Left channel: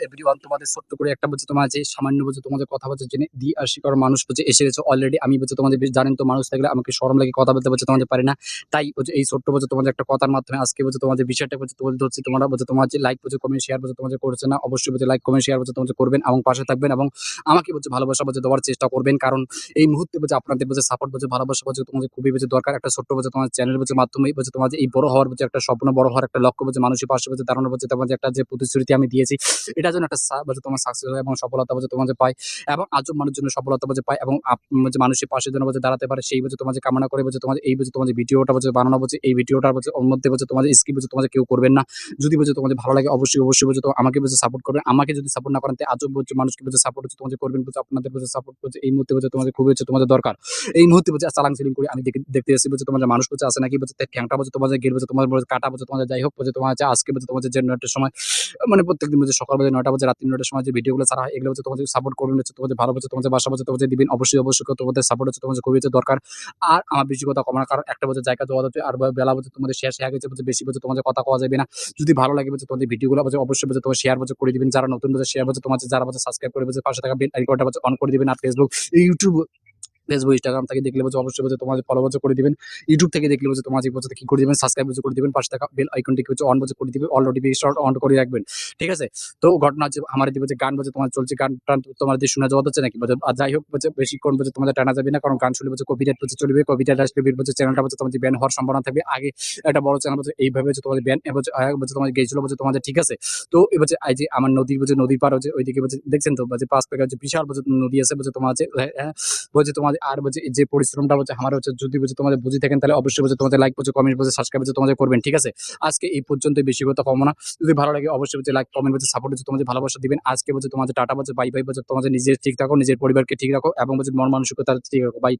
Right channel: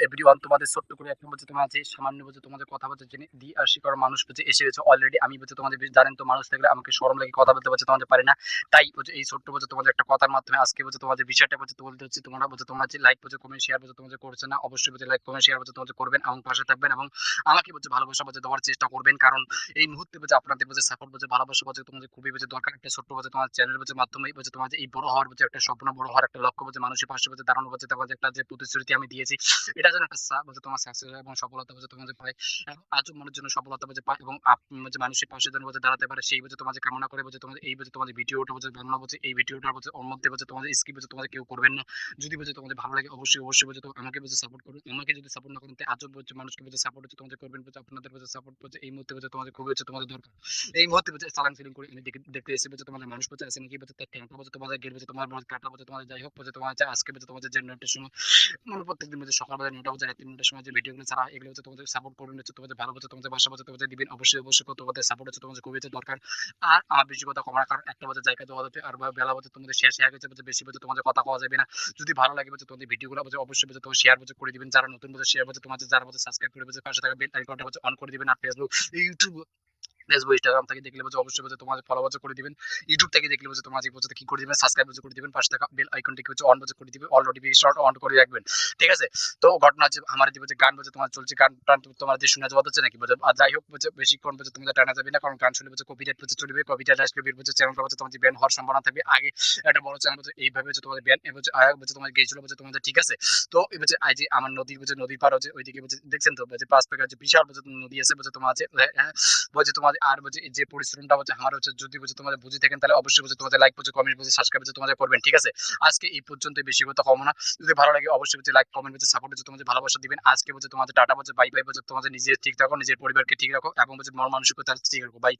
Everyone তোমাদের ছোট্ট করে একটা বলছে তোমার যে সামান্য বলছে তোমাদের কথা বলছে জেনে দিয়ে আসি কারণ মানুষ বলছে এসে গেছে অলরেডি আমি বলছে তোমাদের জানেন তো মানুষ থাকলে আমাকে শরম লাগে কথা বলতে বলছে তোমাদের পারি না তাই বলছে এই ছোট্ট বলছে তোমাদের একটা কথার মাধ্যমে আজকে বলছে তোমাদের বিষয়টা বলছে তুলে ধরছি তোমরা বলছে তোমার যে লাইক বলছে কমেন্ট শেয়ার বলছে তোমাদের করছে না অবশ্যই বলছে লাইক কমেন্ট শেয়ার বলছে তোমাদের করবেন এবং পাশে থাকবেন এবং আমাকে বলছে ভালোবাসা বলছে দেওয়ার চেষ্টা করবেন কারণ এই মুহূর্তে বলছে আপনাদের বলছে সাপোর্ট বলছে ভালোবাসা বলছে তোমাদের খুবই বলছে দরকার একটা ছোট্ট বলছে তোমার চ্যানেল বলছে মাধ্যমে বলছে তোমার যে এই বড় হওয়ার বলছে একটা স্বপ্ন বড় হওয়ার একটা লক্ষ্য বলছে মানুষের পাশে বলছে দাঁড়ানো বলছে তোমাদের একটা যে প্রতিশ্রুতি আমি দিয়েছি এটা যেন একটা বলছে তোমার সাকসেস হয় এবং সফলতা বলছে তোমাদের পায় এবং আজব মানুষের জন্য সফলতা বলছে পায় এবং বলছে মানুষের পাশে যেন বলছে দাঁড়াতে পারে সেই বলছে তোমাদের কামনা করে বলছে তোমাদের এই বলছে তোমাদের ভিডিওটা বলছে বানানো বলছে এই ভিডিওটা বলছে ওর মধ্যে বলছে তোমাদের স্কিপ বলছে তোমাদের কেউ করবেন না যদি বলছে তোমাদের ভালো লাগে অবশ্যই বলছে তো আমাকে বলছে সাপোর্ট করবেন আমাকে যদি সাপোর্ট না করেন তাই আজব বলছে মানুষকে বলছে সাপোর্ট হচ্ছে তোমাদের করবেন বলছে আপনাদের বলছে সাপোর্ট বলছে এই মুহূর্তে বলছে তোমাদের খুবই হচ্ছে তোমাদের দরকার এই মুহূর্তে বলছে চালাং সিলিং করে আমি দেখতে এসেছি বলছে তোমাদের মানুষ বলছে আছে নাকি বলছে ঠ্যাংটা বলছে তোমাদের গেল বলছে তোমার বলছে কাটা বলছে তোমাদের যাই হোক বলছে তোমার আজকে বলছে তোমাদের যে ৯টার সময় মানে প্রত্যেকদিন বলছে সকাল বেলা ৯টা বাজে রাত্রি ৯টার সময় যে ভিডিওগুলো ছাড়া হয় এগুলো হচ্ছে তোমাদের সাপোর্ট করবেন হচ্ছে তোমাদের ভালো হচ্ছে তোমাদের বাসা হচ্ছে তোমাদের দিবেন অবশ্যই তোমাদের সাপোর্ট হচ্ছে তোমাদের খুবই হচ্ছে দরকার আর আমার বেশি কথা কমার কারণ একটা বছর জায়গা দেওয়া হচ্ছে আর বেলা বলছে তোমাদের শেষ হয়ে গেছে বলছে বেশি বলছে তোমাদের কথা কওয়া যাবে না যদি ভালো লাগে বলছে তোমাদের ভিডিওগুলো বলছে অবশ্যই বলছে তোমার শেয়ার বলছে করে দিবেন যারা নতুন বলছে শেয়ার বলছে তোমার যারা বলছে সাবস্ক্রাইব করে বলছে পাশে থাকা বেল আইকনটা বলছে অন করে দিবেন আর ফেসবুক ইউটিউব ফেসবুক ইনস্টাগ্রাম থেকে দেখলে বলছে অবশ্যই বলছে তোমাদের ফলো বলছে করে দিবেন ইউটিউব থেকে দেখলে বলছে তোমাদের বলছে কি করে দিবেন সাবস্ক্রাইব বলছে করে দিবেন পাশে থাকা বেল আইকনটিকে বলছে অন বলছে করে দিবেন অল নোটিফিকেশন অন করে রাখবেন ঠিক আছে তো ঘটনা হচ্ছে আমার দিকে বলছে গান বলছে তোমার চলছে গান টান তোমার দিয়ে শোনা যাওয়া হচ্ছে নাকি বলছে আর যাই হোক বলছে বেশিক্ষণ বলছে তোমাদের টানা যাবে না কারণ গান শুনলে বলছে কপিরাইট বলছে চলবে কপিরাইট আসলে বলছে চ্যানেলটা বলছে তোমাদের ব্যান হওয়ার সম্ভাবনা থাকবে আগে একটা বড় চ্যানেল বলছে এইভাবে হচ্ছে তোমাদের ব্যান বলছে বলছে তোমাদের গেছিল বলছে তোমাদের ঠিক আছে তো এই বলছে এই যে আমার নদী বলছে নদীর পার হচ্ছে ওইদিকে বলছে দেখছেন তো বলছে পাঁচ পেকে হচ্ছে বিশাল বলছে নদী আছে বলছে তোমার আছে বলছে তোমাদের আর বলছে যে পরিশ্রমটা বলছে আমার হচ্ছে যদি বলছে তোমাদের বুঝে থাকেন তাহলে অবশ্যই বলছে তোমাদের লাইক বলছে কমেন্ট বলছে সাবস্ক্রাইব বলছে তোমাদের করবেন ঠিক আছে আজকে এই পর্যন্তই বেশি কথা কম না যদি ভালো লাগে অবশ্যই বলছে লাইক কমেন্ট বলছে সাপোর্ট হচ্ছে তোমাদের ভালোবাসা দিবেন আজকে বলছে তোমাদের টাটা বলছে বাই বাই বলছে তোমাদের নিজের ঠিক রাখো নিজের পরিবারকে ঠিক রাখো এবং বলছে মন মানসিকতা ঠিক রাখো বাই।